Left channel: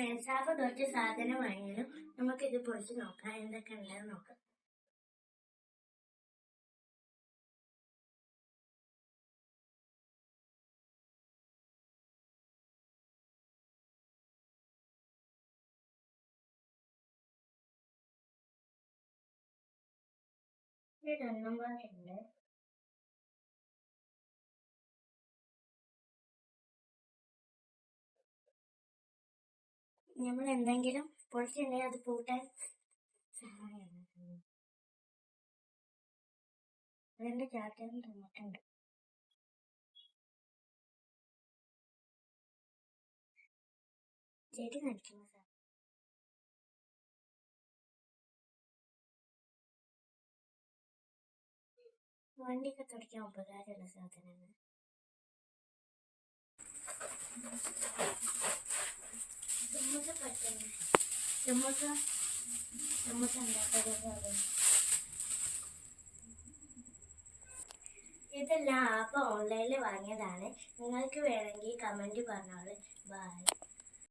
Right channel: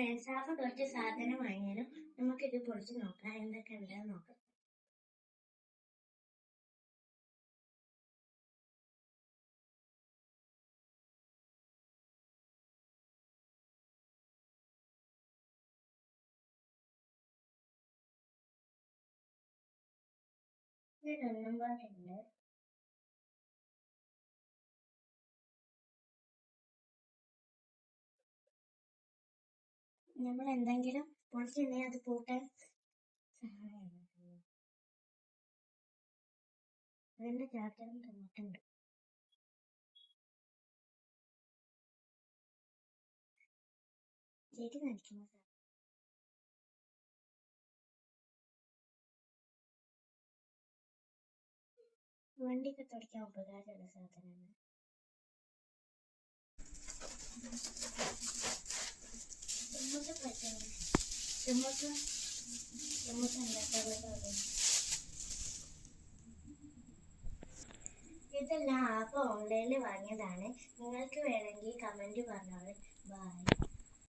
Friends, half കുറച്ച് സാധനം വാങ്ങിയാലും നമുക്കിത് പൊളിച്ച് നോക്കാം, എന്തൊക്കെ ഉണ്ടെന്ന് നോക്കാം. ഇതൊന്നും പാടുണ്ട്. നമ്മൾ എന്തെങ്കിലും പൊളിച്ചിട്ടുണ്ടെങ്കിൽ അത് കൂട്ടാൻ സഹായമാണ്. അതിന്റെ ചാറ്റം തന്നിട്ടുണ്ട്. ചെടി നനയ്ക്കുന്ന സാധനം. വണ്ടിയൊക്കെ തുടയ്ക്കാൻ ഉപകാരമുള്ള സാധനമാണ്. ചുമക്ക പറ്റുന്നു. ചുമക്ക ഉണ്ടാക്കാതെ സാധനം. ഇതെല്ലാം ആപ്പ് ഓൺലൈനിൽ വാങ്ങിയതാണ്. നിങ്ങൾക്ക് വേണമെങ്കിൽ കമൻറ്റ് പറഞ്ഞോളൂ. ബൈ.